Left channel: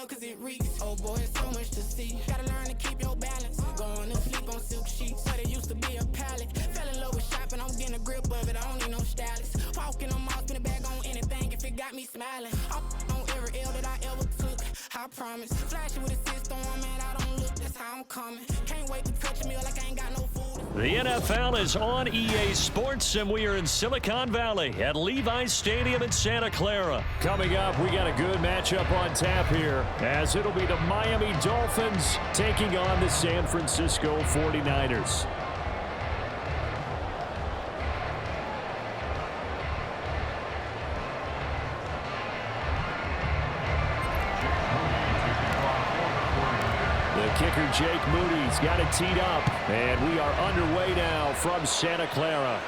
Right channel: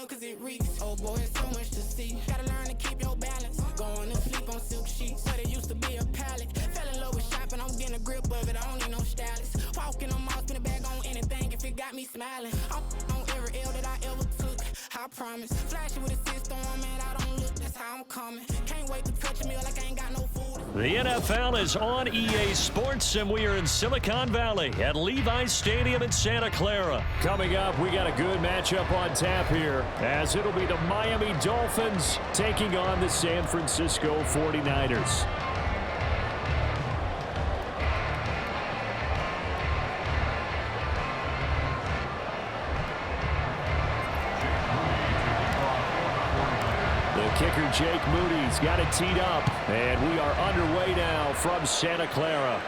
well, cause it reeks. Oh boy, it's so much to see. Gotta learn to keep your balance. Going to sleep on silk sheets. But it used to be a pallet. Fell in love with shopping, I'm getting a grip of it. I don't need no stylist. Walking on mouth, spin a bag on anything if it got me smiling. I'm on every L that I ever took. I promise. Flashing with a system, man, I don't look. That's how I'm coming. Can't wait to touch a meal like I ain't got no food. The NFL is on EA Sports, and we are in Silicon Valley at Levi's Stadium in Santa Clara. Coming up, we got a good matchup on tap here, as it'll be the Miami Dolphins taking on the San Francisco 49ers. The kicker, Jake Moody's got it teed up, and we are underway now from Santa Clara.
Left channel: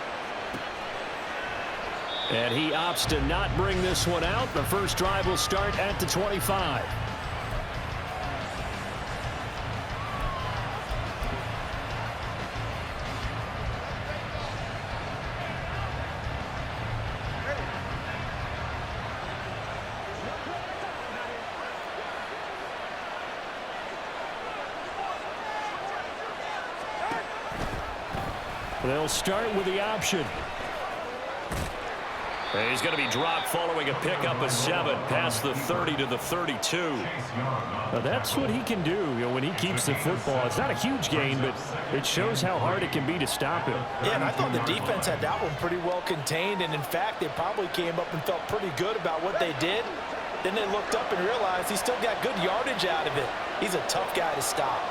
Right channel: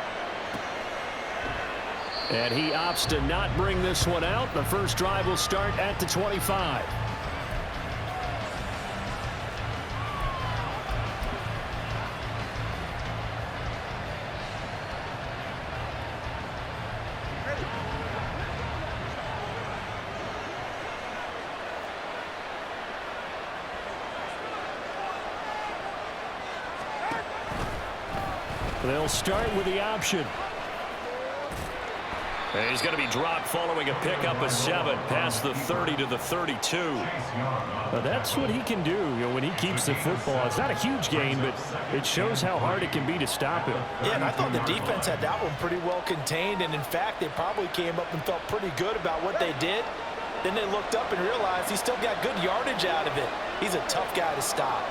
And he opts to not bring this one out. The first drive will start at the 25. They'll start with the option. He's going to be dropped following a pickup of 7 past the 30 to the 32. That's what he can do, when he keeps the football. It's not a huge gain, but it shows how hard it can be to stop him. Yeah, and I thought the defense had that one pretty well contained, and in fact, they probably came up and felt pretty good about what they did. Then they looked up and realized he still got good yardage out of it. He's a tough guy to stop.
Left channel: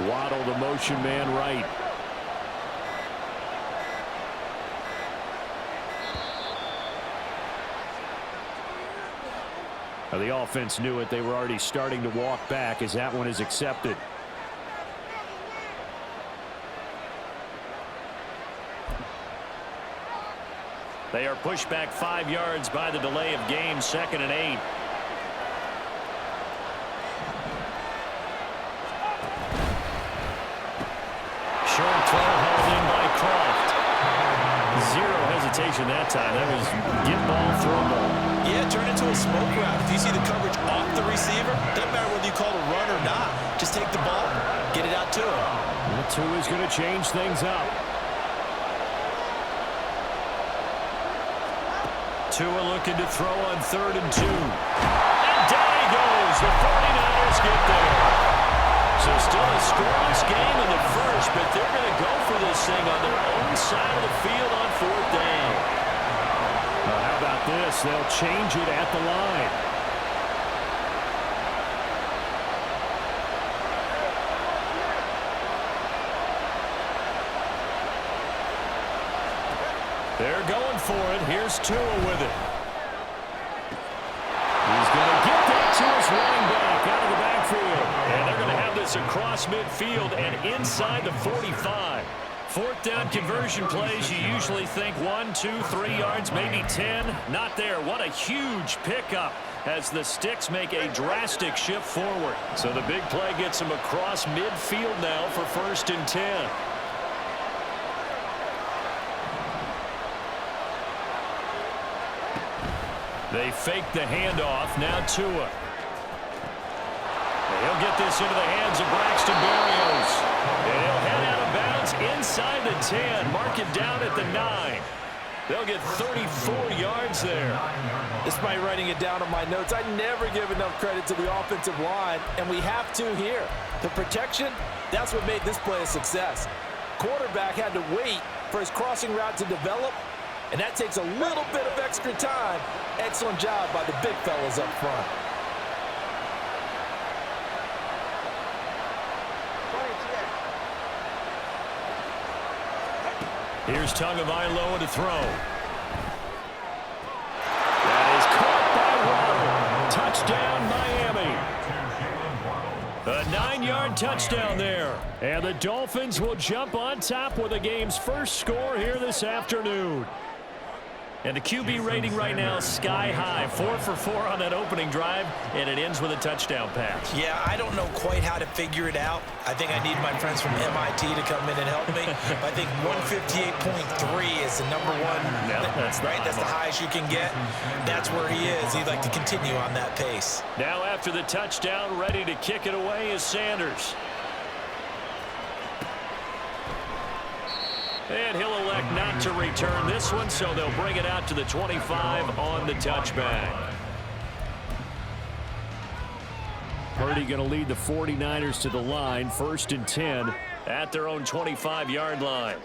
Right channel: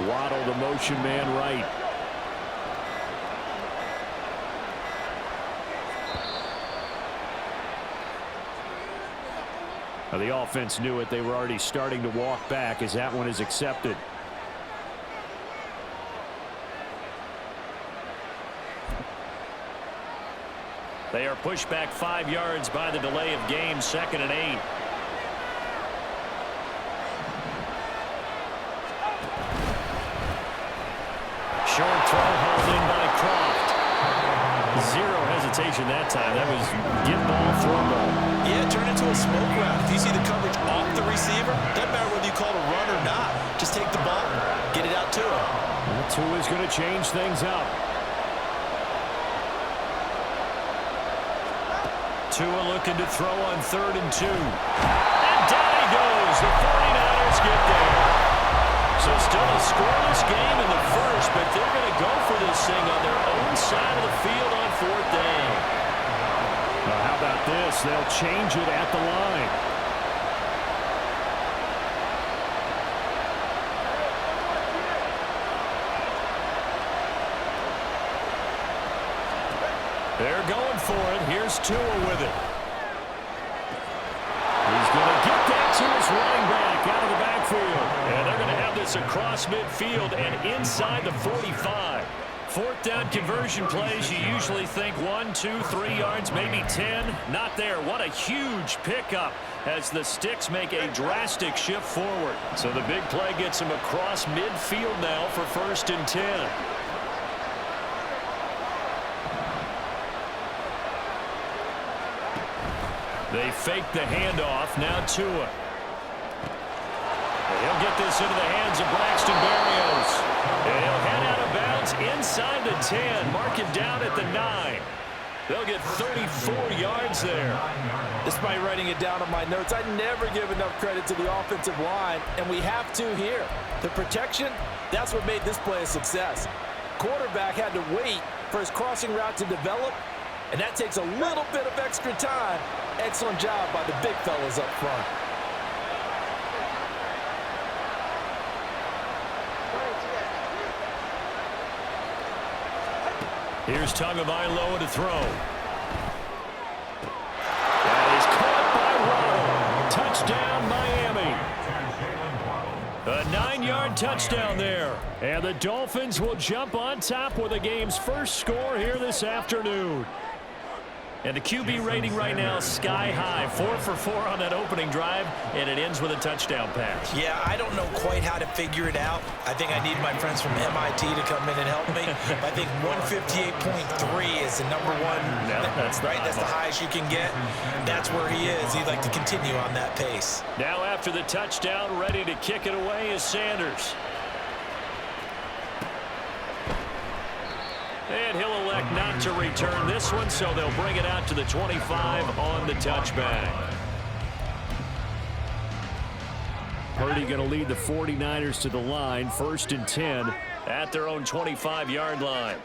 Waddle, the motion man right. Now the offense knew it. They were already starting to walk back as that one is accepted. They are pushed back 5 yards by the delay of game, 2nd and 8. Short throw hauled in by Croft. Zero hesitation that time. That was get ball, throw ball. Yeah, turn into a smoke route. If you see the coverage off the receiver, doesn't matter whether you call it a run or not. Just take the ball, get it out to him. Well, Tua is going to change things up. Tua looking to throw on 3rd and 2. And down he goes. The 49ers get there. So still a scoreless game in the first, but they're going to go for this thing on their own side of the field on 4th down. How about this? They'll change it at the line. They're going for it. Here's Tua with it. He's going to get that to his running back out of the backfield. And they're going to have this across midfield and inside the 45. 4th down conversion plays, you usually think 1, 2, 3 yards, maybe 10. Not there. What a huge pickup as the sticks make a drastic shift forward. So the big play gets him across midfield now for 1st and 10. They fake the handoff. Now Tua. And he'll get this into the hands of Braxton Berrios. And he'll head out of bounds inside the 10. Mark it down at the 9. They'll get 34 yards there. Despite writing it down on my notes, I never give enough credit to the offensive line, and we have to here. The protection, that's what made this play a success. Quarterback had to wait for his crossing route to develop, and that takes a little bit of extra time. Excellent job by the big fellas up front. Here's Tagovailoa to throw. That is caught by Waddle. Touchdown, Miami. A 9-yard touchdown there. And the Dolphins will jump on top with the game's first score here this afternoon. And the QB rating right now, sky high. 4 for 4 on that opening drive, and it ends with a touchdown pass. Yeah, I don't know quite how to figure it out. I think I need my friends from MIT to come in and help me. But I think 158.3 is the number one. Yeah, that's right. That's the highest you can get. That's where he is. He'd like to continue on that pace. Now after the touchdown, ready to kick it away is Sanders. And he'll elect not to return this one, so they'll bring it out to the 25 on the touchback. Purdy going to lead the 49ers to the line, 1st and 10 at their own 25-yard line.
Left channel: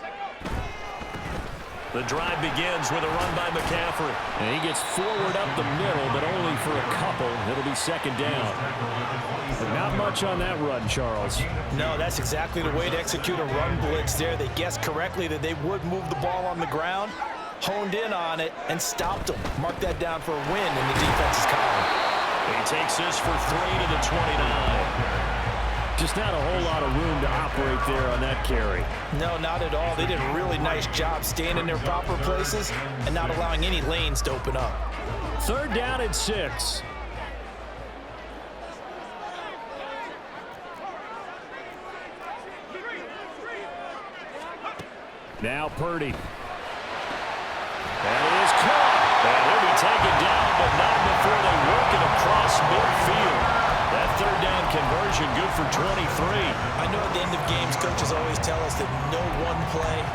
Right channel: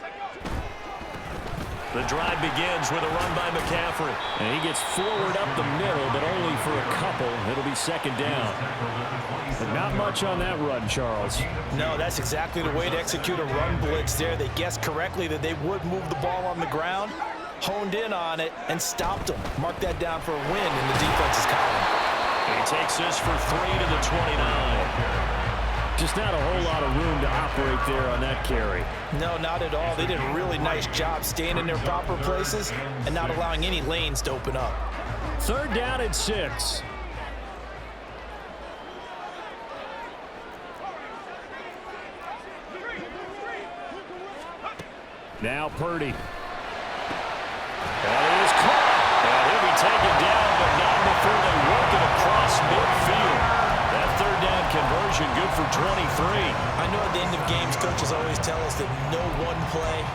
The drive begins with a run by McCaffrey. And he gets forward up the middle, but only for a couple. It'll be 2nd down. But not much on that run, Charles. No, that's exactly the way to execute a run blitz there. They guessed correctly that they would move the ball on the ground, honed in on it, and stopped them. Mark that down for a win in the defense's column. He takes this for 3 to the 29. Just not a whole lot of room to operate there on that carry. No, not at all. They did a really nice job staying in their proper places and not allowing any lanes to open up. 3rd down and 6. Now Purdy. That is caught. And he'll be taken down, but not before they work it across midfield. That 3rd down conversion good for 23. I know at the end of games, coaches always tell us that no one play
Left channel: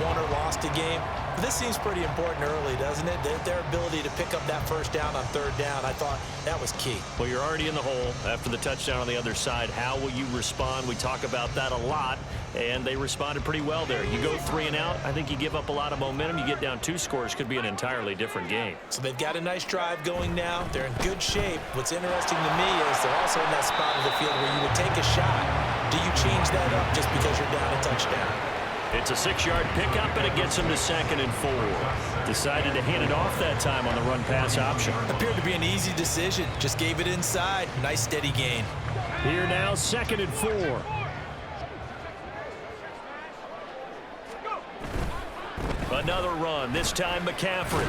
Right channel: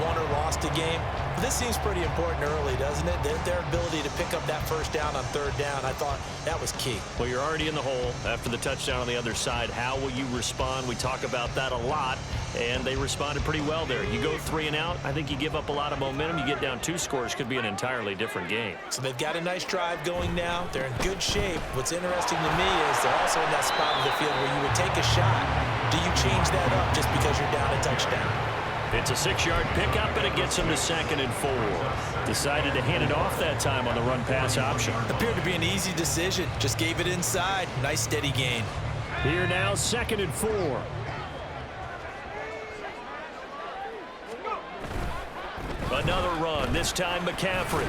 won or lost a game. But this seems pretty important early, doesn't it? Their ability to pick up that 1st down on 3rd down, I thought that was key. Well, you're already in the hole after the touchdown on the other side. How will you respond? We talk about that a lot, and they responded pretty well there. You go 3 and out, I think you give up a lot of momentum. You get down 2 scores, could be an entirely different game. So they've got a nice drive going now. They're in good shape. What's interesting to me is they're also in that spot of the field where you would take a shot. Do you change that up just because you're down a touchdown? It's a 6-yard pickup, and it gets him to 2nd and 4. Decided to hand it off that time on the run-pass option. Appeared to be an easy decision. Just gave it inside. Nice steady gain. Here now, 2nd and 4. Another run, this time McCaffrey.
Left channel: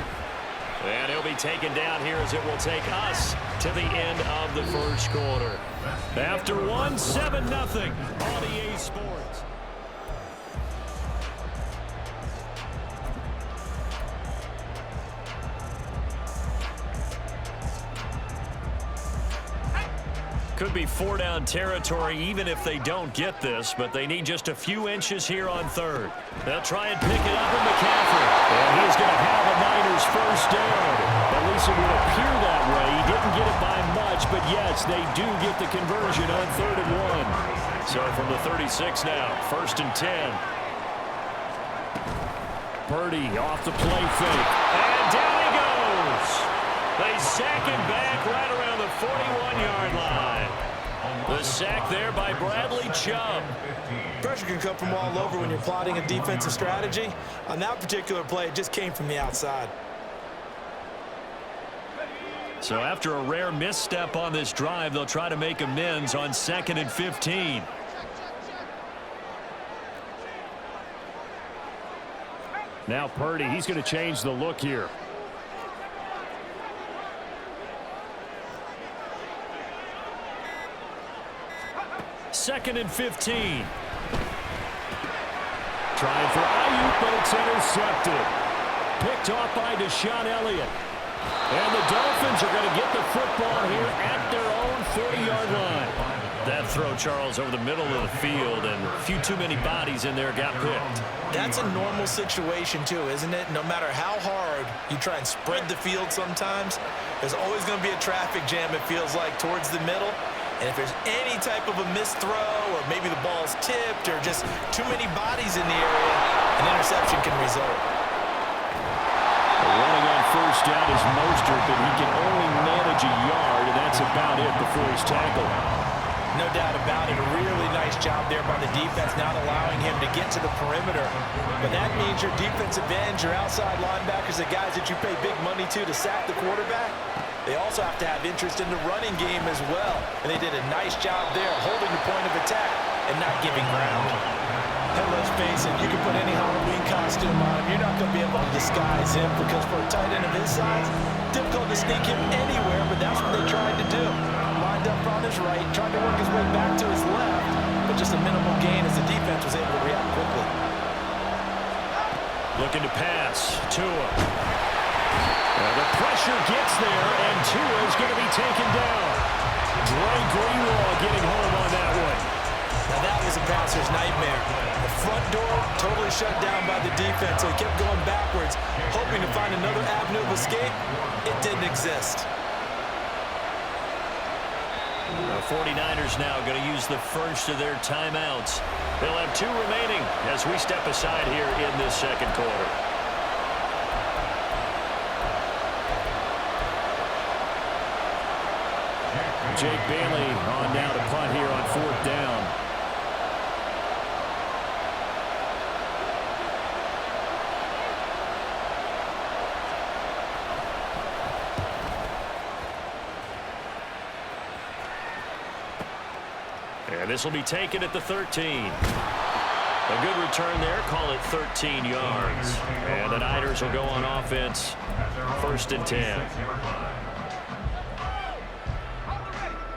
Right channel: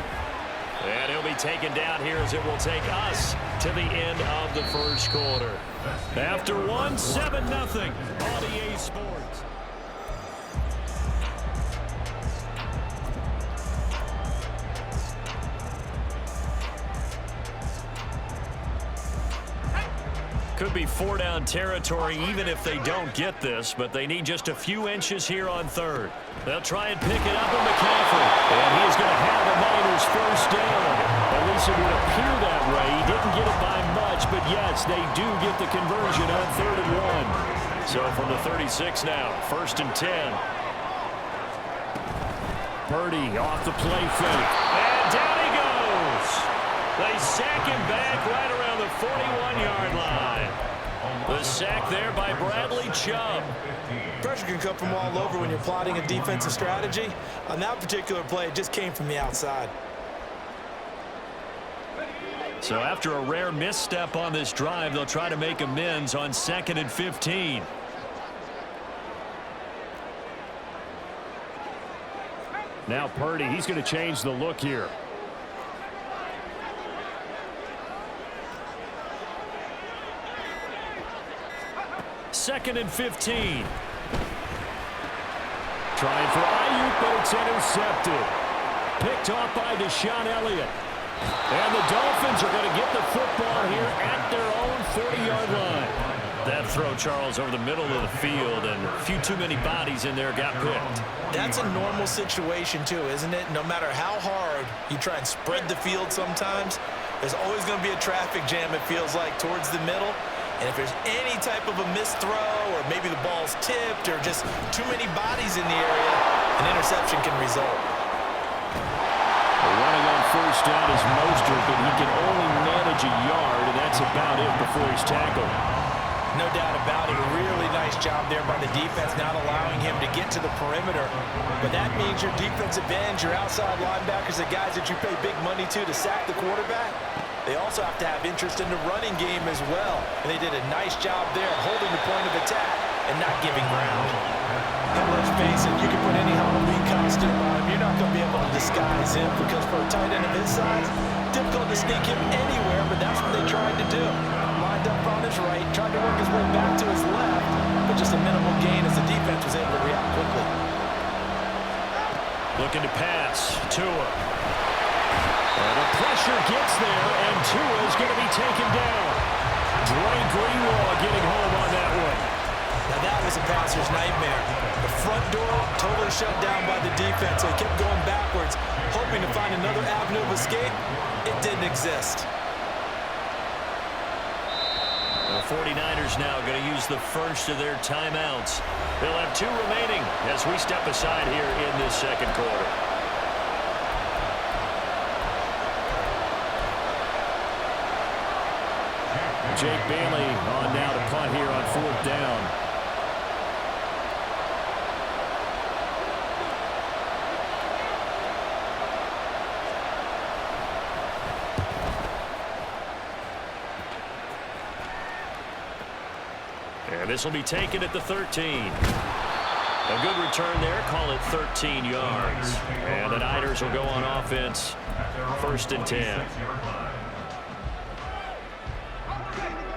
And he'll be taken down here as it will take us to the end of the 1st quarter. After 1, 7-0 on EA Sports. Could be 4-down territory even if they don't get this, but they need just a few inches here on 3rd. They'll try and pick it up with McCaffrey. And he is going to have a Niners 1st down. At least it would appear that way. He didn't get it by much, but yes, they do get the conversion on 3rd and 1. So from the 36 now, 1st and 10. Purdy off the play fake. And down he goes. They sack him back right around the 41-yard line. The sack there by Bradley Chubb. Pressure can come from all over when you're plotting a defensive strategy. On that particular play, it just came from the outside. So after a rare misstep on this drive, they'll try to make amends on 2nd and 15. Now Purdy, he's going to change the look here. Second and 15. Trying for Ayuk, but it's intercepted. Picked off by Deshaun Elliott. And the Dolphins are going to get the football here at their own 40-yard line. That throw, Charles, over the middle of the field, and a few too many bodies in there got picked. That's a normal situation, too, isn't it? No matter how hard you try and spread the field sometimes, there's always going to be a traffic jam, it feels like, towards the middle. And if there's any type of a missed throw, or maybe the ball's tipped, or just too many bodies in the area, an interception can result. Running on 1st down is Mostert, but he can only manage a yard, and that's about it before he's tackled. No doubt about it. A really nice job there by the defense, not allowing him to get to the perimeter. But that means your defensive ends, your outside linebackers, the guys that you pay big money to sack the quarterback, they also have to have interest in the running game as well. And they did a nice job there holding the point of attack and not giving ground. And let's face it, you can put any Halloween costume on him. You're not going to be able to disguise him because for a tight end of his size, difficult to sneak him anywhere, but that's what they tried to do. Lined up on his right, tried to work his way back to his left, but just a minimal gain as the defense was able to react quickly. Looking to pass. Tua. And the pressure gets there, and Tua is going to be taken down. Dre Greenlaw getting home on that one. Now that was a passer's nightmare. The front door totally shut down by the defense, so he kept going backwards, hoping to find another avenue of escape. It didn't exist. The 49ers now going to use the first of their timeouts. They'll have 2 remaining as we step aside here in this second quarter. Jake Bailey on now to punt here on 4th down. And this will be taken at the 13. A good return there. Call it 13 yards. And the Niners will go on offense. 1st and 10.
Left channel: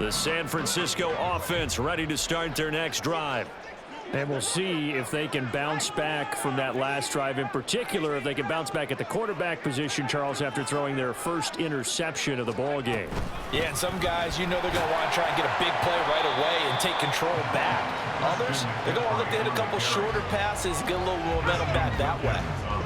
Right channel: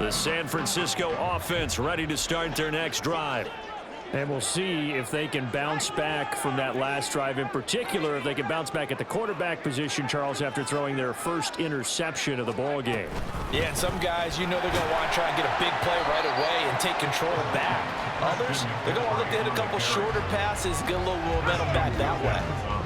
The San Francisco offense ready to start their next drive. And we'll see if they can bounce back from that last drive, in particular if they can bounce back at the quarterback position, Charles, after throwing their first interception of the ball game. Yeah, and some guys, you know they're going to want to try and get a big play right away and take control back. Others, they're going to look to hit a couple shorter passes, get a little momentum back that way.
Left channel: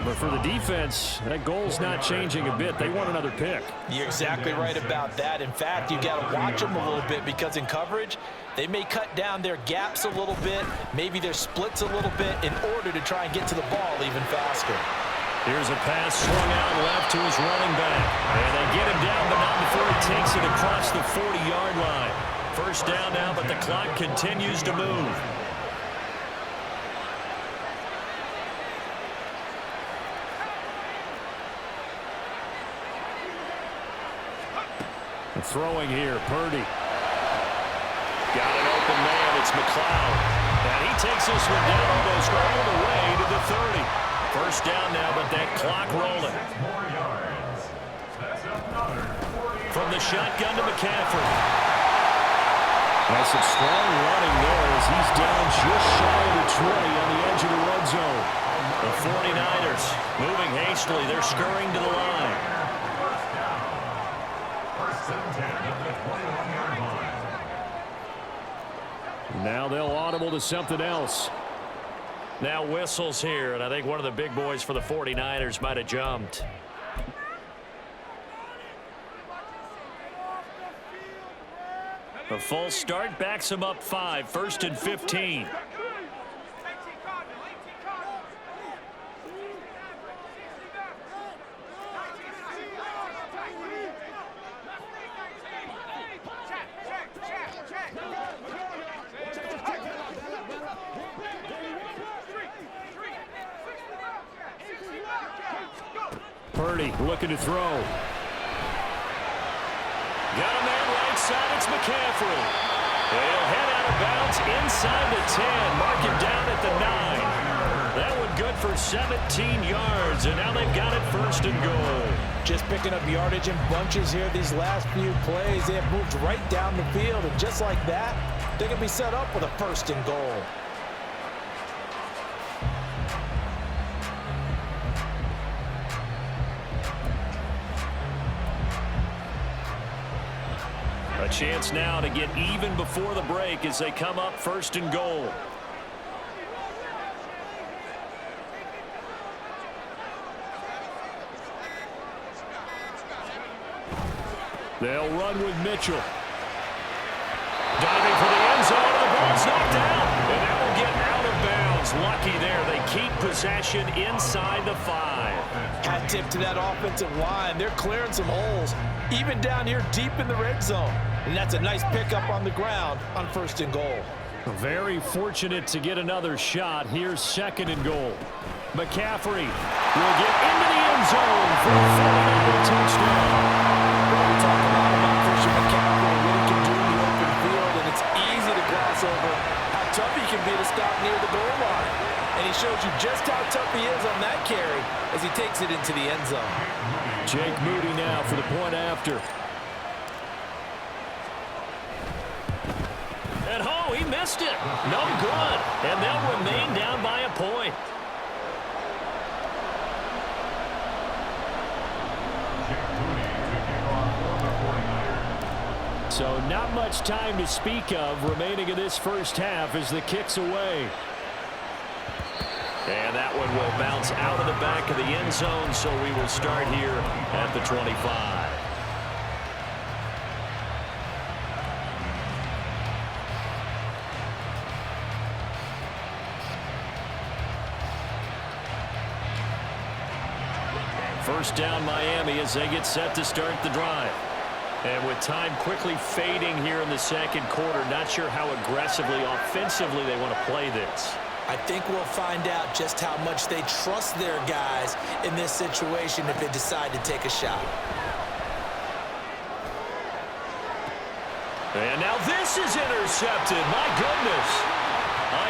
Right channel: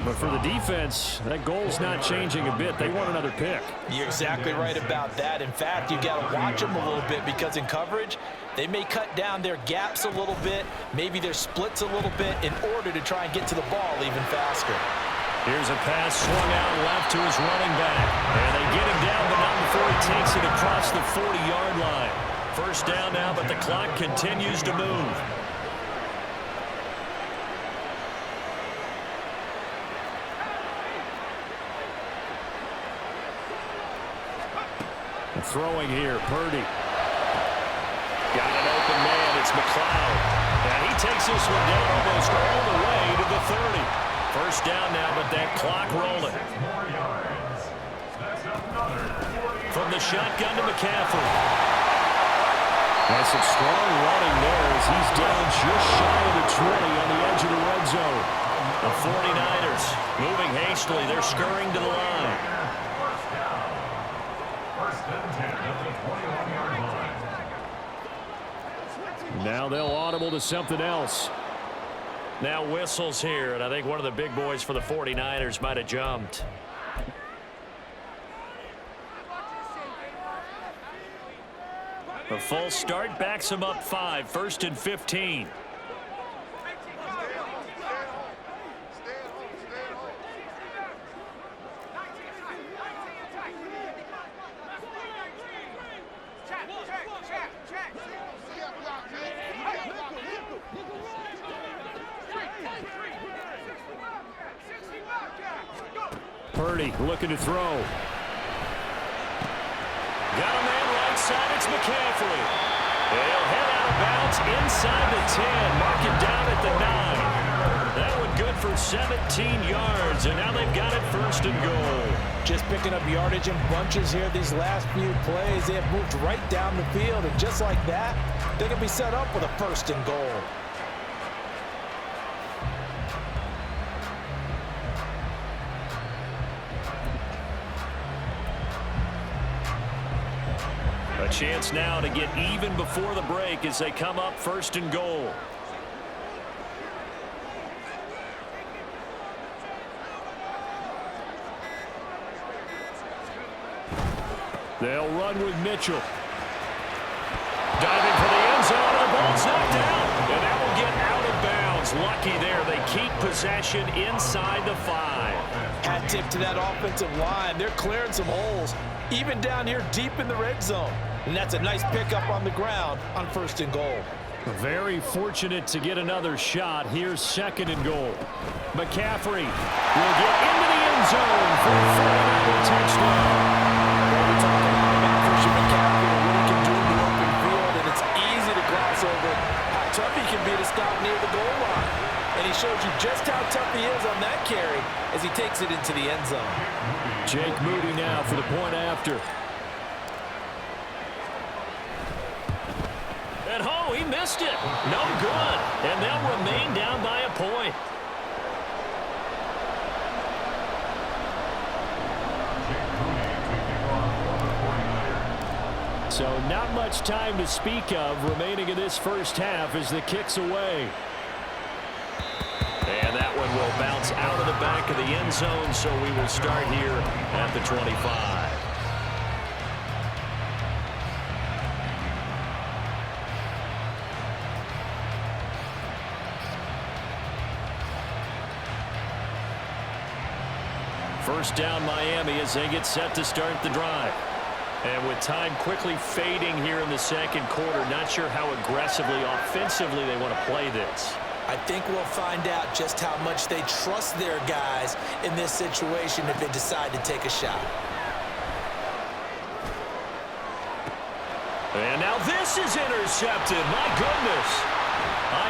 But for the defense, that goal's not changing a bit. They want another pick. You're exactly right about that. In fact, you got to watch them a little bit because in coverage, they may cut down their gaps a little bit, maybe their splits a little bit in order to try and get to the ball even faster. Here's a pass swung out left to his running back. And they get him down, but not before he takes it across the 40-yard line. 1st down now, but the clock continues to move. Throwing here, Purdy. Got an open man, it's McLeod. And he takes this one down almost all the way to the 30. 1st down now, but that clock rolling. From the shotgun to McCaffrey. That's some strong running there as he's down just shy of the 20 on the edge of the red zone. The 49ers moving hastily. They're scurrying to the line. Now they'll audible to something else. Now whistles here, and I think one of the big boys for the 49ers might have jumped. The full start backs him up 5, 1st and 15. Purdy looking to throw. Got a man right side. It's McCaffrey. He'll head out of bounds inside the 10. Mark it down at the 9. That one good for 17 yards. And now they've got it 1st and goal. Just picking up yardage in bunches here these last few plays. They have moved right down the field. And just like that, they can be set up with a 1st and goal. A chance now to get even before the break as they come up 1st and goal. They'll run with Mitchell. Diving for the end zone, and the ball's knocked out. And that will get out of bounds. Lucky there. They keep possession inside the 5. Hat tip to that offensive line. They're clearing some holes, even down here deep in the red zone. And that's a nice pickup on the ground on 1st and goal. Very fortunate to get another shot. Here's 2nd and goal. McCaffrey will get into the end zone for a 49er touchdown. Well, we talk a lot about Christian McCaffrey and what he can do in the open field, and it's easy to gloss over how tough he can be to stop near the goal line. and he shows you just how tough he is on that carry as he takes it into the end zone. Jake Moody now for the point after. And oh, he missed it. No good. And they'll remain down by a point. So not much time to speak of remaining in this first half as the kick's away. And that one will bounce out of the back of the end zone, so we will start here at the 25. First down Miami as they get set to start the drive. And with time quickly fading here in the second quarter, not sure how aggressively, offensively they want to play this. I think we'll find out just how much they trust their guys in this situation if they decide to take a shot. And now this is intercepted. My goodness.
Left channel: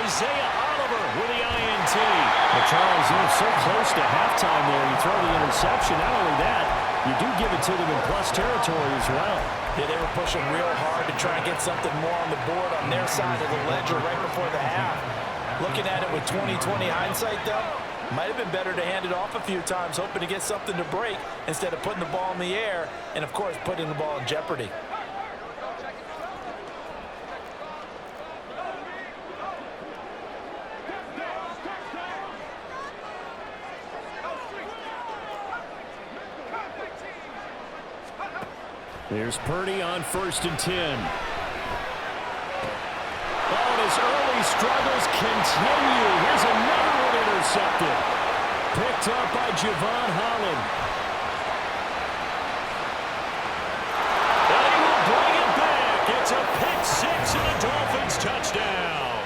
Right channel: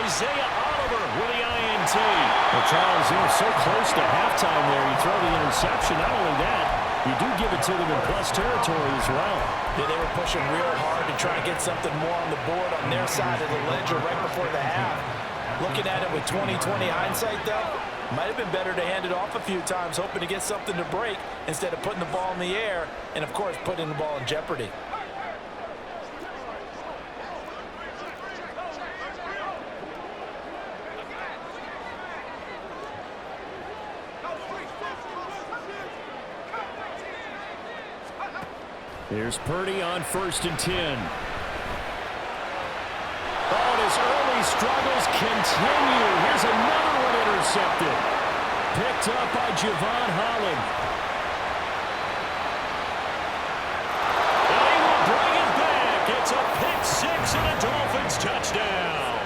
Isaiah Oliver with the INT. Well, Charles, so close to halftime there. You throw the interception. Not only that, you do give it to them in plus territory as well. Yeah, they were pushing real hard to try and get something more on the board on their side of the ledger right before the half. Looking at it with 20/20 hindsight, though, might have been better to hand it off a few times, hoping to get something to break instead of putting the ball in the air and, of course, putting the ball in jeopardy. Here's Purdy on 1st and 10. Oh, and his early struggles continue. Here's another one intercepted. Picked up by Javon Holland. And he will bring it back. It's a pick six and a Dolphins touchdown.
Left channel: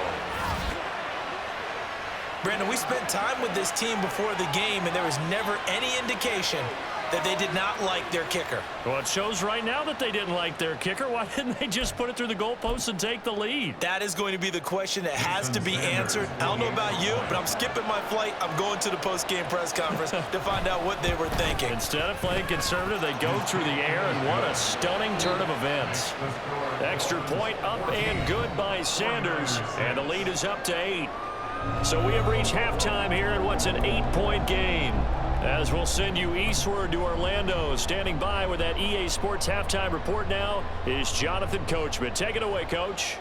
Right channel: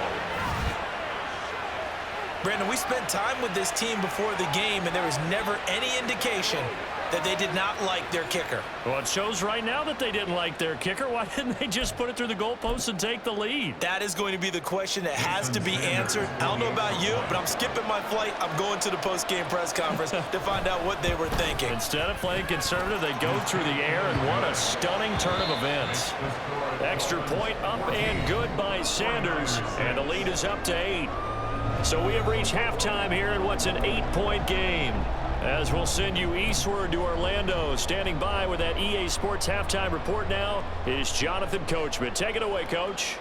Brandon, we spent time with this team before the game, and there was never any indication that they did not like their kicker. Well, it shows right now that they didn't like their kicker. Why didn't they just put it through the goalpost and take the lead? That is going to be the question that has to be answered. I don't know about you, but I'm skipping my flight. I'm going to the post-game press conference to find out what they were thinking. Instead of playing conservative, they go through the air, and what a stunning turn of events. Extra point up and good by Sanders, and the lead is up to 8. So we have reached halftime here in what's an 8-point game. As we'll send you eastward to Orlando. Standing by with that EA Sports halftime report now is Jonathan Coachman. Take it away, Coach.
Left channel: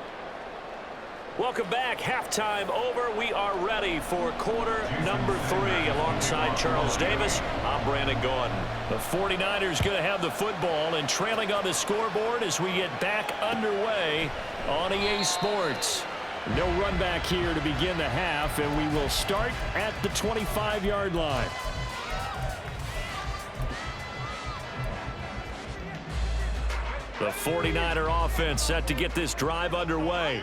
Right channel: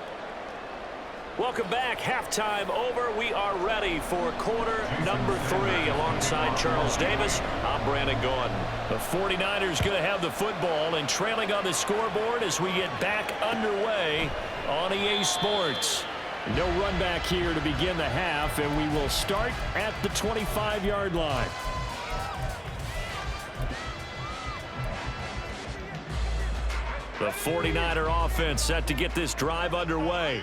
Welcome back. Halftime over. We are ready for quarter number 3. Alongside Charles Davis, I'm Brandon Gordon. The 49ers going to have the football and trailing on the scoreboard as we get back underway on EA Sports. No run back here to begin the half, and we will start at the 25-yard line. The 49er offense set to get this drive underway.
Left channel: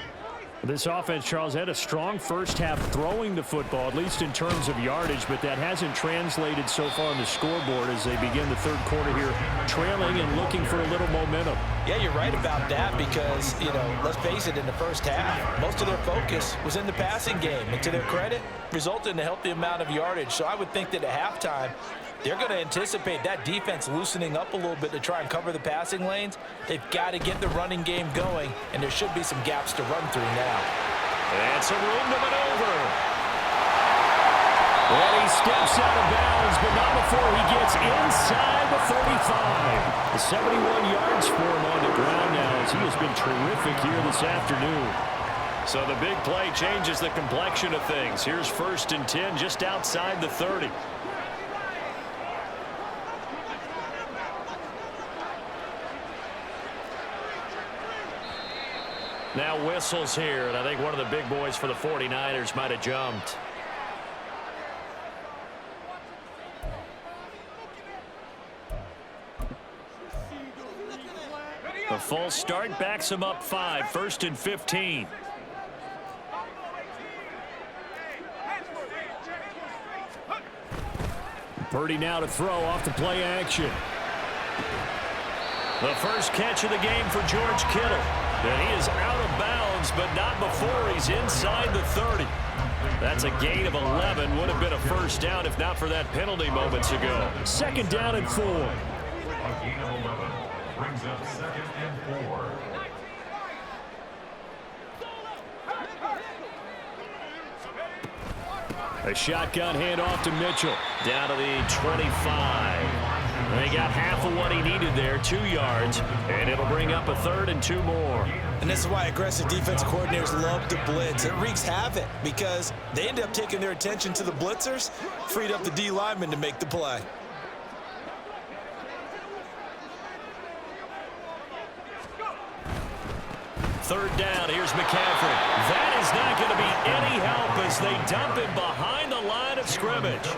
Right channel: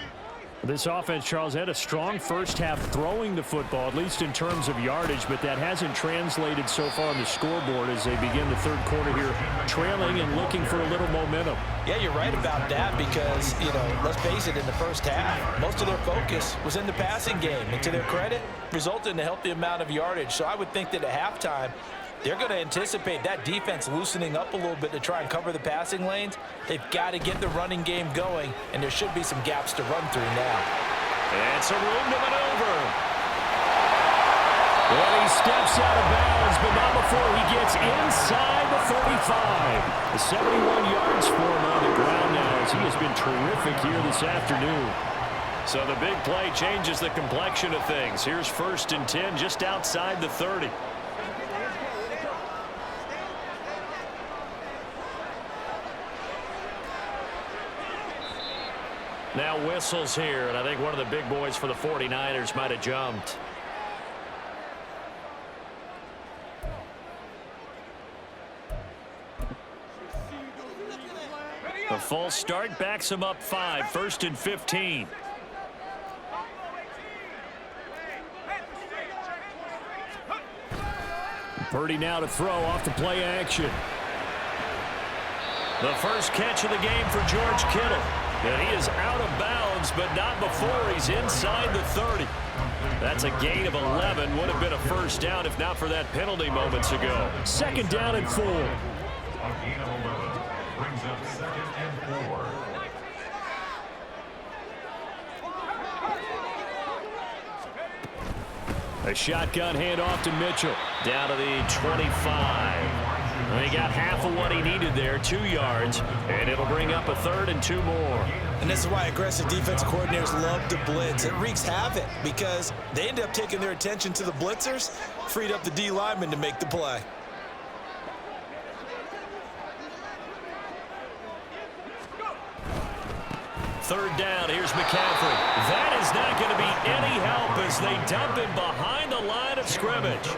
This offense, Charles, had a strong first half throwing the football, at least in terms of yardage, but that hasn't translated so far on the scoreboard as they begin the third quarter here, trailing and looking for a little momentum. Yeah, you're right about that because, let's face it, in the first half, most of their focus was in the passing game. And to their credit, resulted in a healthy amount of yardage. So I would think that at halftime, they're going to anticipate that defense loosening up a little bit to try and cover the passing lanes. They've got to get the running game going, and there should be some gaps to run through now. And some room to maneuver. And he steps out of bounds, but not before he gets inside the 35. The 71 yards for him on the ground now as he has been terrific here this afternoon. So the big play changes the complexion of things. Here's 1st and 10 just outside the 30. Now whistles here, and I think one of the big boys for the 49ers might have jumped. The false start backs him up 5, 1st and 15. Purdy now to throw off the play action. The first catch of the game for George Kittle. And he is out of bounds, but not before he's inside the 30. That's a gain of 11. Would have been a first down if not for that penalty moments ago. Second down and 4. A gain of 11 brings up 2nd and 4. A shotgun handoff to Mitchell. Down to the 25. They got half of what he needed there, 2 yards, and it'll bring up a 3rd and 2 more. And this is why aggressive defense coordinators love to blitz. It wreaks havoc because they end up taking their attention to the blitzers, freed up the D lineman to make the play. Third down, here's McCaffrey. That is not going to be any help as they dump him behind the line of scrimmage.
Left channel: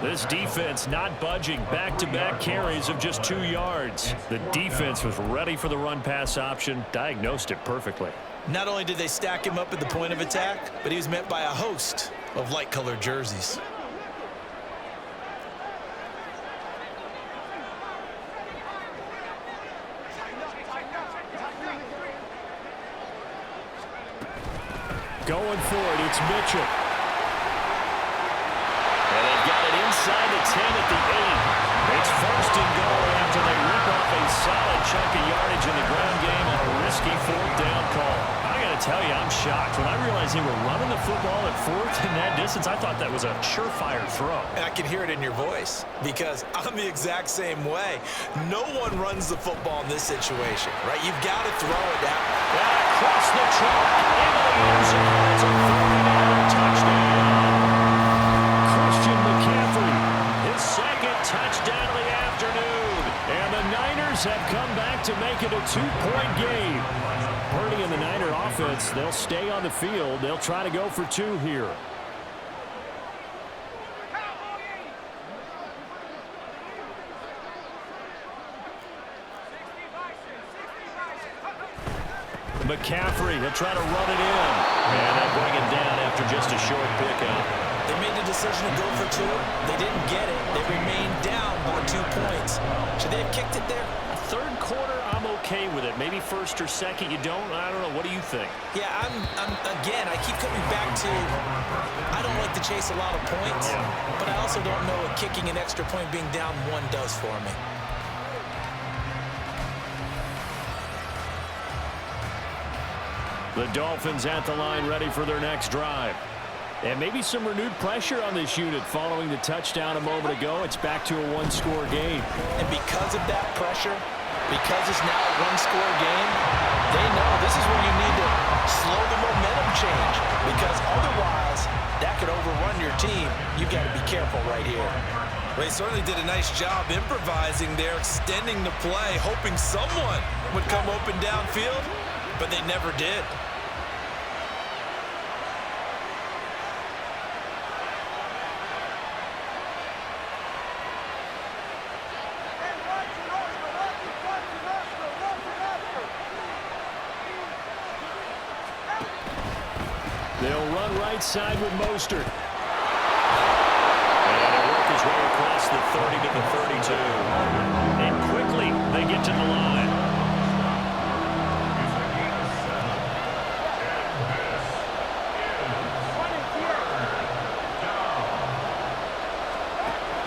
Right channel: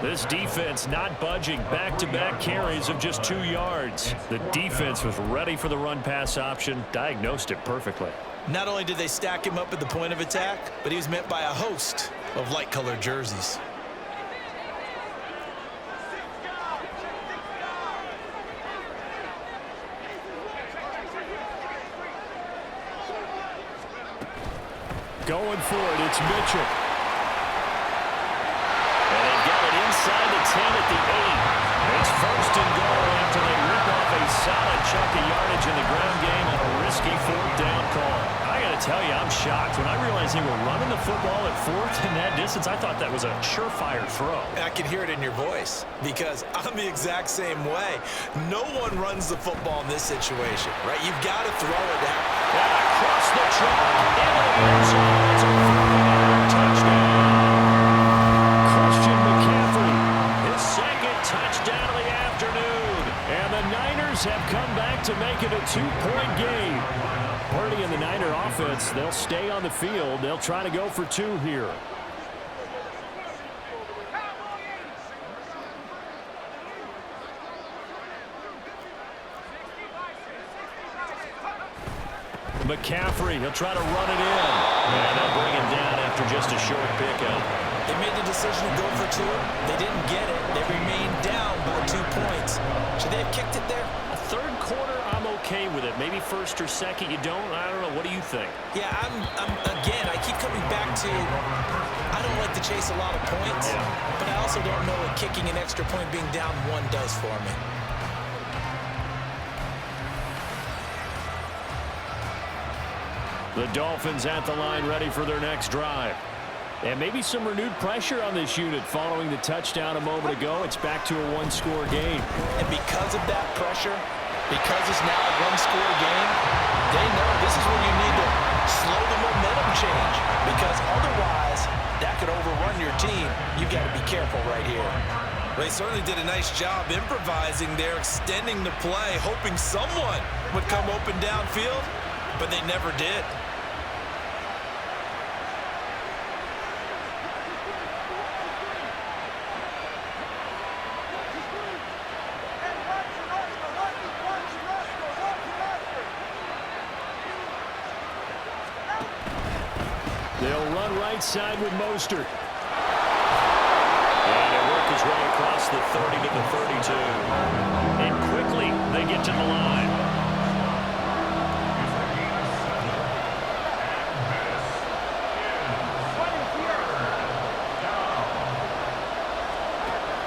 This defense not budging. Back-to-back carries of just 2 yards. The defense was ready for the run-pass option, diagnosed it perfectly. Not only did they stack him up at the point of attack, but he was met by a host of light-colored jerseys. Going for it, it's Mitchell. And they've got it inside the 10 at the 8. It's 1st and goal after they rip off a solid chunk of yardage in the ground game on a risky 4th down call. I got to tell you, I'm shocked. When I realized they were running the football at 4th in that distance, I thought that was a surefire throw. I can hear it in your voice because I'm the exact same way. No one runs the football in this situation, right? You've got to throw it down. And across the track, into the end zone. It's a 49er touchdown. Christian McCaffrey, his 2nd touchdown of the afternoon. And the Niners have come back to make it a 2-point game. Purdy and the Niner offense, they'll stay on the field. They'll try to go for 2 here. McCaffrey, he'll try to run it in. And they'll bring him down after just a short pickup. They made the decision to go for 2. They didn't get it. They remained down by 2 points. Should they have kicked it there? A 3rd quarter, I'm okay with it. Maybe 1st or 2nd, you don't? I don't know. What do you think? Yeah, again, I keep coming back to I don't like to chase a lot of points, but I also don't know what kicking an extra point being down 1 does for me. The Dolphins at the line ready for their next drive. And maybe some renewed pressure on this unit following the touchdown a moment ago. It's back to a 1-score game. And because of that pressure, because it's now a 1-score game, they know this is where you need to slow the momentum change because otherwise that could overrun your team. You've got to be careful right here. Well, they certainly did a nice job improvising there, extending the play, hoping someone would come open downfield, but they never did. They'll run right side with Mostert. And they work his way across the 30 to the 32. And quickly they get to the line.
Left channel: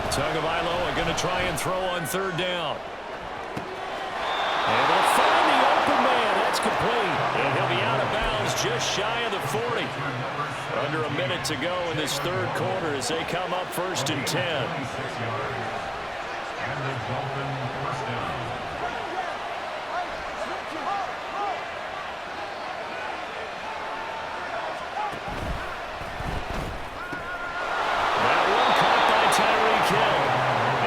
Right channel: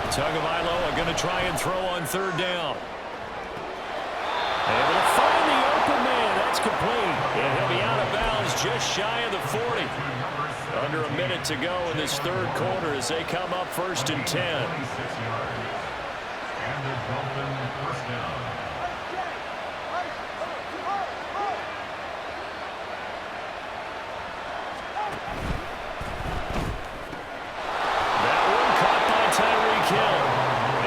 Tagovailoa going to try and throw on 3rd down. Able to find the open man. That's complete. And he'll be out of bounds just shy of the 40. Under a minute to go in this 3rd quarter as they come up 1st and 10. And the Dolphin 1st down. That one caught by Tyreek Hill.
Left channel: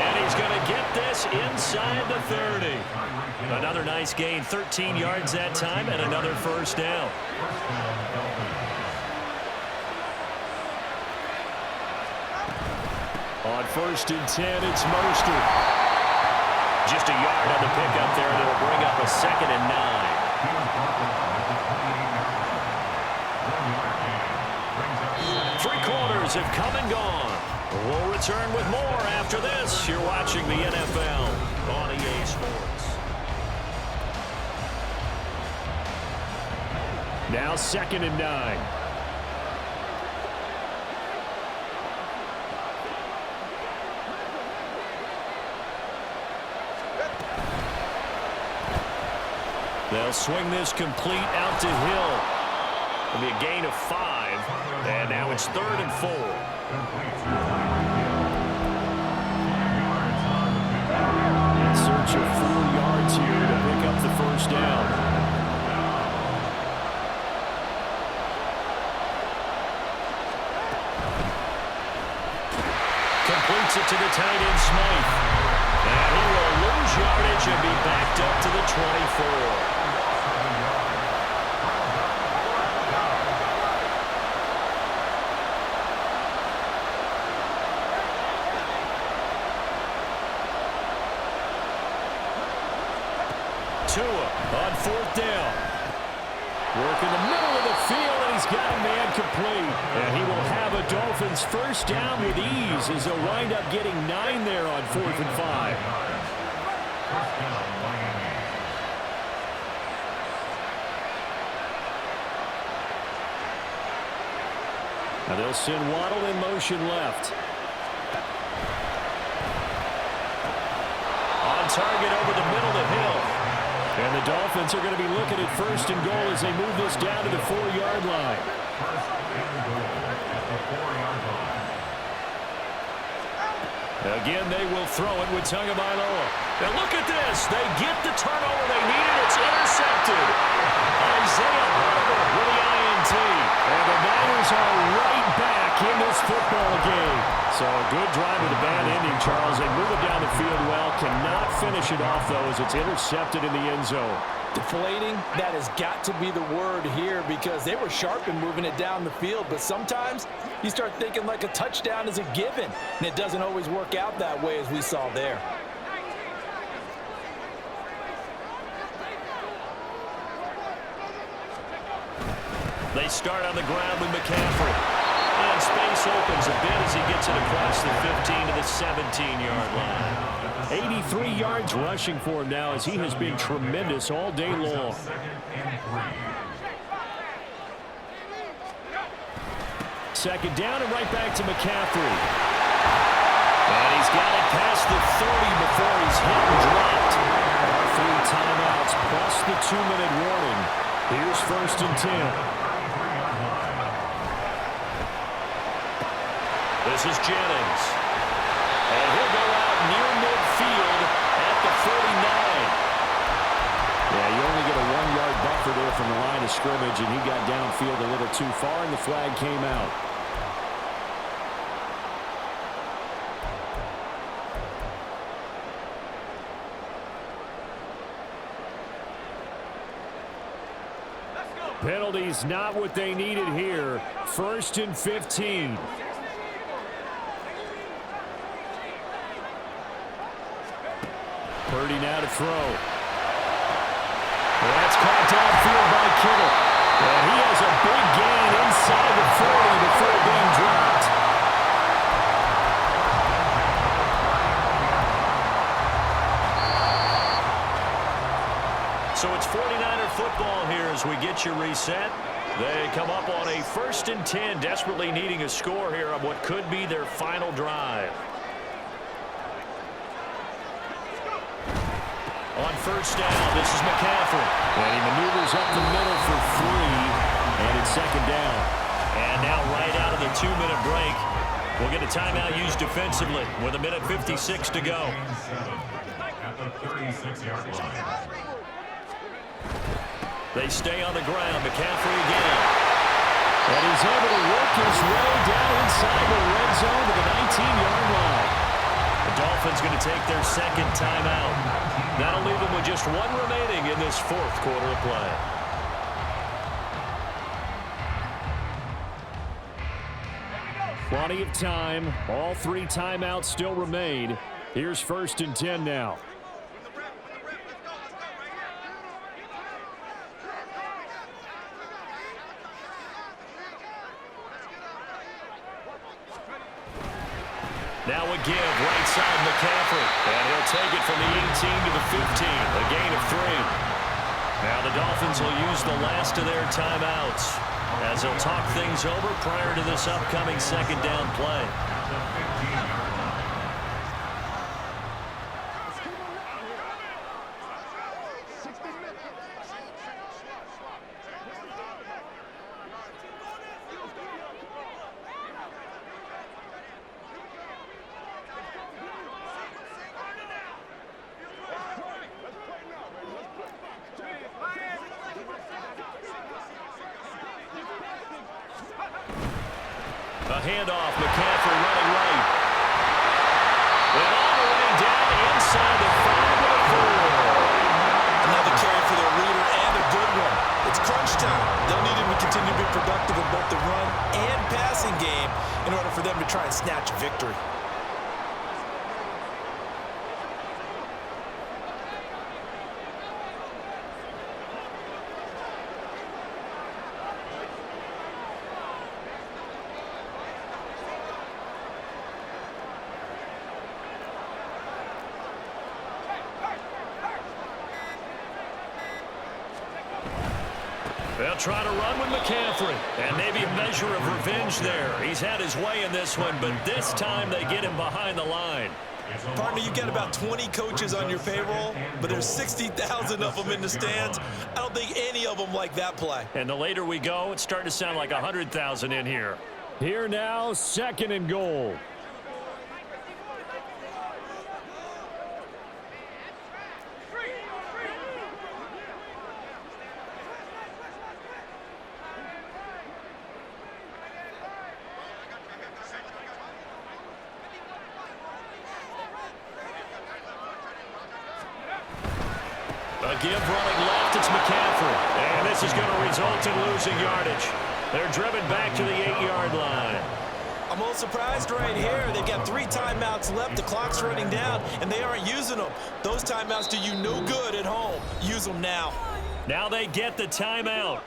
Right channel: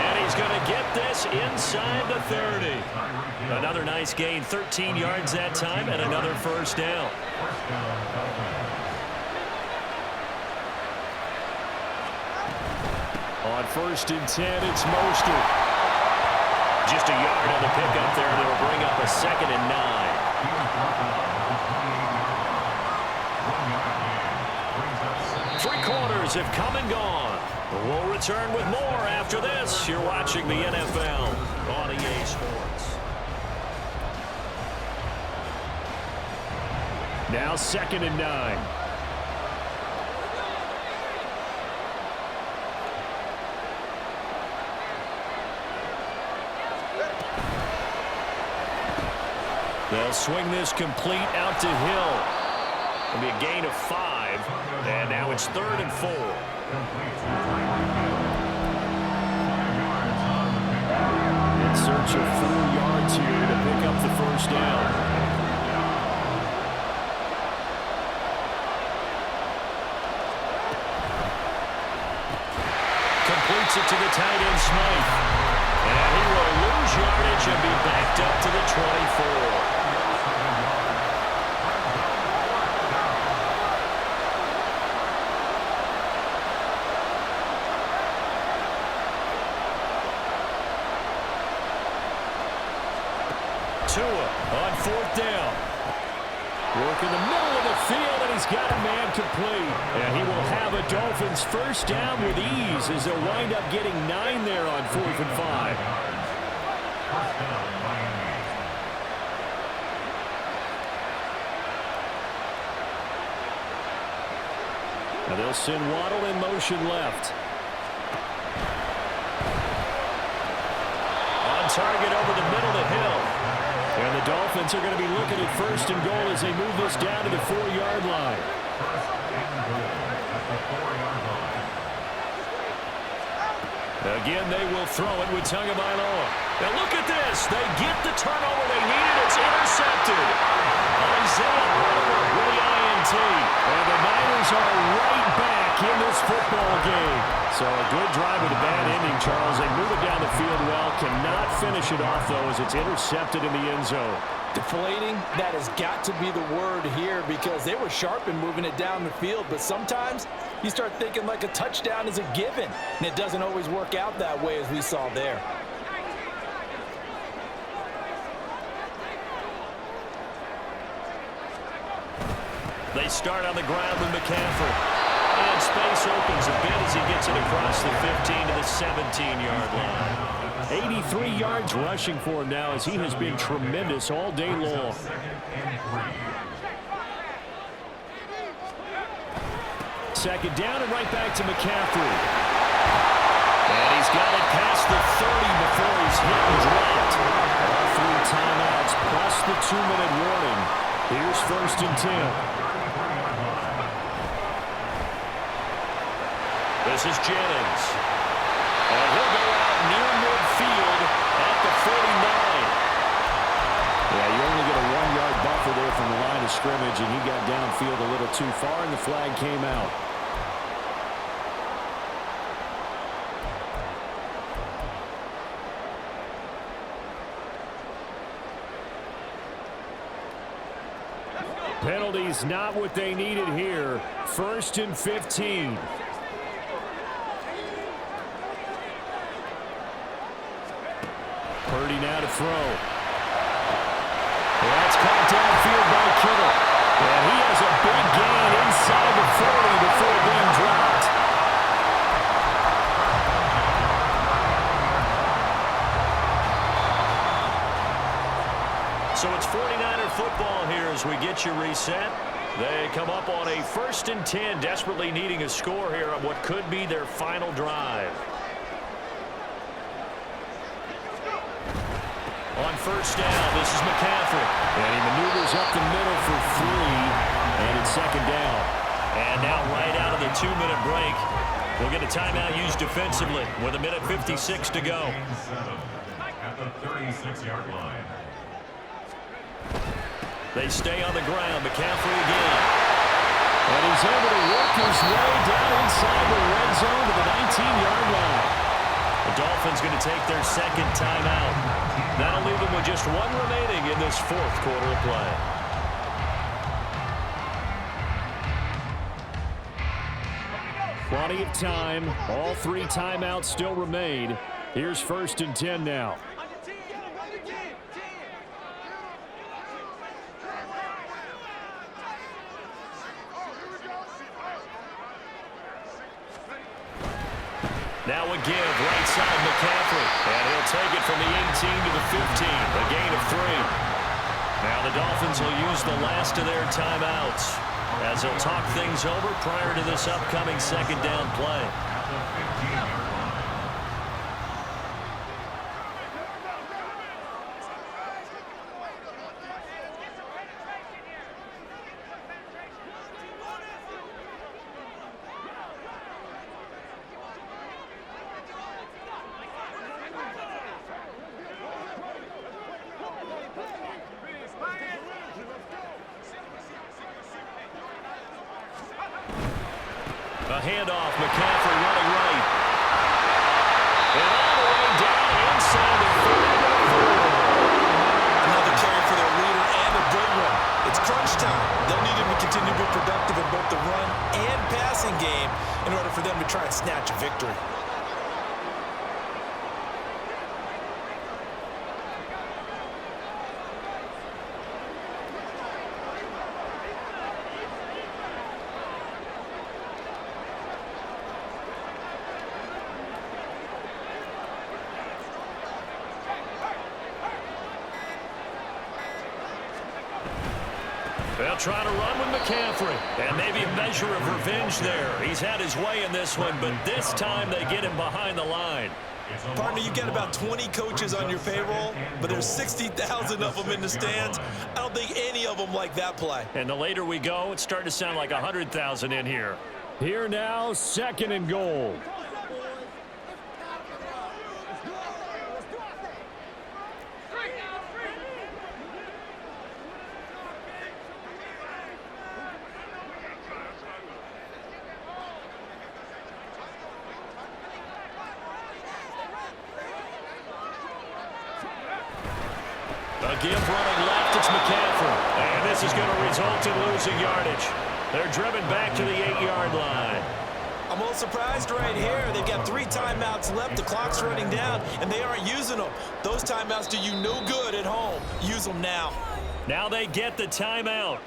And he's going to get this inside the 30. Another nice gain, 13 yards that time, and another 1st down. First down, Dolphins. On 1st and 10, it's Mostert. Just a yard on the pickup there, and it'll bring up a 2nd and 9. He was brought down at the 28-yard line. 1 yard gain brings up 3 quarters have come and gone. We'll return with more after this. You're watching the NFL on EA Sports. Now 2nd and 9. They'll swing this complete out to Hill. It'll be a gain of 5, and now it's 3rd and 4. In search of 4 yards here to pick up the first down. Completes it to the tight end, Smythe. And he will lose yardage and be backed up to the 24. Tua on 4th down. Work in the middle of the field, and he's got a man complete. And he will have a Dolphins first down with ease as they'll wind up getting 9 there on 4th and 5. First down, Miami. Now they'll send Waddle in motion left. On target over the middle to Hill. And the Dolphins are going to be looking at 1st and goal as they move this down to the 4-yard line. 1st and goal at the 4-yard line. Again, they will throw it with Tagovailoa. Now look at this. They get the turnover they needed. It's intercepted. Isaiah Oliver with the INT. And the Niners are right back in this football game. So a good drive with a bad ending, Charles. They move it down the field well. Cannot finish it off, though, as it's intercepted in the end zone. Deflating, that has got to be the word here because they were sharp in moving it down the field. But sometimes you start thinking like a touchdown is a given. And it doesn't always work out that way as we saw there. They start on the ground with McCaffrey. And space opens a bit as he gets it across the 15 to the 17-yard line. 83 yards rushing for him now as he has been tremendous all day long. Second down and right back to McCaffrey. And he's got it past the 30 before he's hit and dropped. All 3 timeouts plus the 2-minute warning. Here's 1st and 10. This is Jennings. And he'll go out near midfield at the 49. Yeah, you only get a 1-yard buffer there from the line of scrimmage, and he got downfield a little too far, and the flag came out. Penalties not what they needed here. 1st and 15. Purdy now to throw. That's caught downfield by Kittle. And he has a big gain inside the 40 before being dropped. So it's 49er football here as we get you reset. They come up on a 1st and 10, desperately needing a score here on what could be their final drive. On 1st down, this is McCaffrey. And he maneuvers up the middle for 3. And it's 2nd down. And now right out of the 2-minute break, we'll get a timeout used defensively with 1:56 to go. At the 36-yard line. They stay on the ground. McCaffrey again. And he's able to work his way down inside the red zone to the 19-yard line. The Dolphins going to take their 2nd timeout. That'll leave them with just 1 remaining in this 4th quarter of play. Plenty of time. All 3 timeouts still remain. Here's 1st and 10 now. Now a give, right side McCaffrey. And he'll take it from the 18 to the 15, a gain of 3. Now the Dolphins will use the last of their timeouts as they'll talk things over prior to this upcoming 2nd down play. A handoff, McCaffrey running right. And all the way down inside the 5 to the 4. Another carry for their leader and a good one. It's crunch time. They'll need him to continue to be productive in both the run and passing game in order for them to try and snatch a victory. They'll try to run with McCaffrey. And maybe a measure of revenge there. He's had his way in this one, but this time they get him behind the line. Partner, you got about 20 coaches on your payroll, but there's 60,000 of them in the stands. I don't think any of them like that play. And the later we go, it's starting to sound like 100,000 in here. Here now, 2nd and goal. A give running left, it's McCaffrey. And this is going to result in losing yardage. They're driven back to the 8-yard line. I'm a little surprised right here. They've got 3 timeouts left. The clock's running down, and they aren't using them. Those timeouts do you no good at home. Use them now. Now they get the timeout.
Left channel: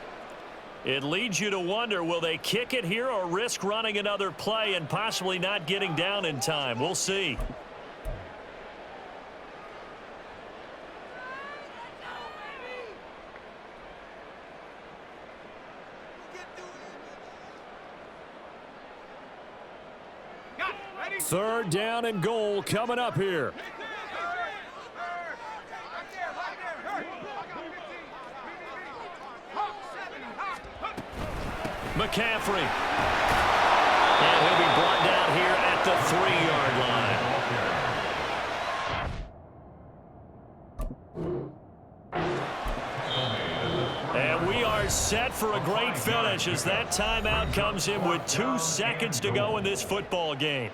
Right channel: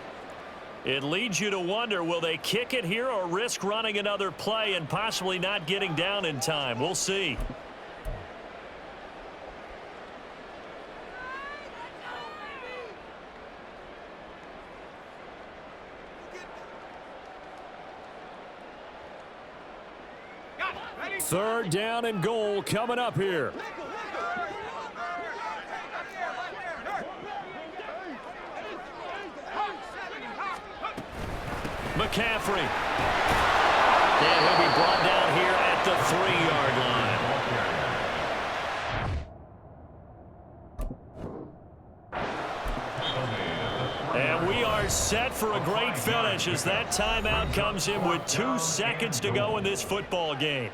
It leads you to wonder, will they kick it here or risk running another play and possibly not getting down in time? We'll see. Third down and goal coming up here. McCaffrey. And he'll be brought down here at the 3-yard line. And we are set for a great finish as that timeout comes in with 2 seconds to go in this football game.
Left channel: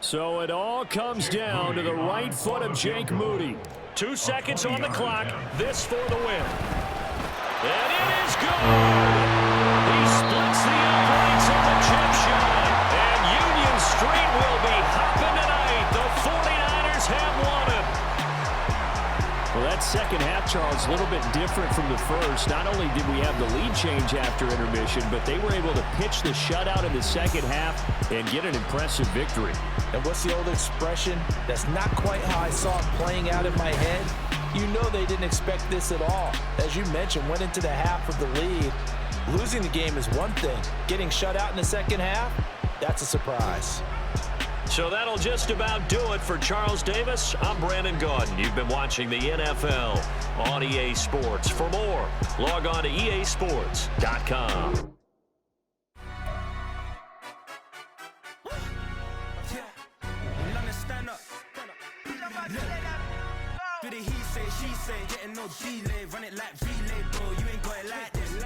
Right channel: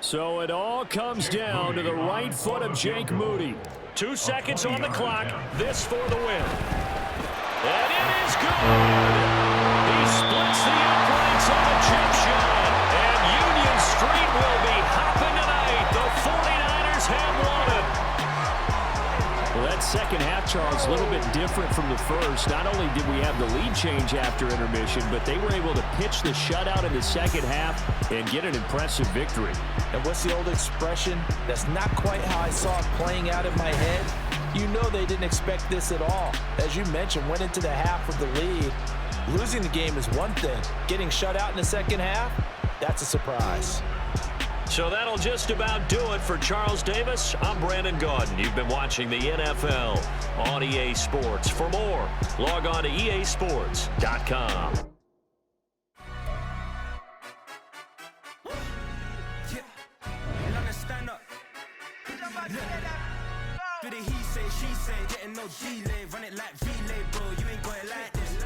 So it all comes down to the right foot of Jake Moody. 2 seconds on the clock. This for the win. And it is good. He splits the uprights on the chip shot. And Union Street will be hopping tonight. The 49ers have won it. Well, that second half, Charles, a little bit different from the first. Not only did we have the lead change after intermission, but they were able to pitch the shutout in the second half and get an impressive victory. And what's the old expression? That's not quite how I saw it playing out in my head. You know they didn't expect this at all. As you mentioned, went into the half with the lead. Losing the game is one thing. Getting shut out in the second half, that's a surprise. So that'll just about do it for Charles Davis. I'm Brandon Gaudin. You've been watching the NFL on EA Sports. For more, log on to easports.com. Do the he say, she say, getting no delay, run it like relay, bro, you ain't got it like this.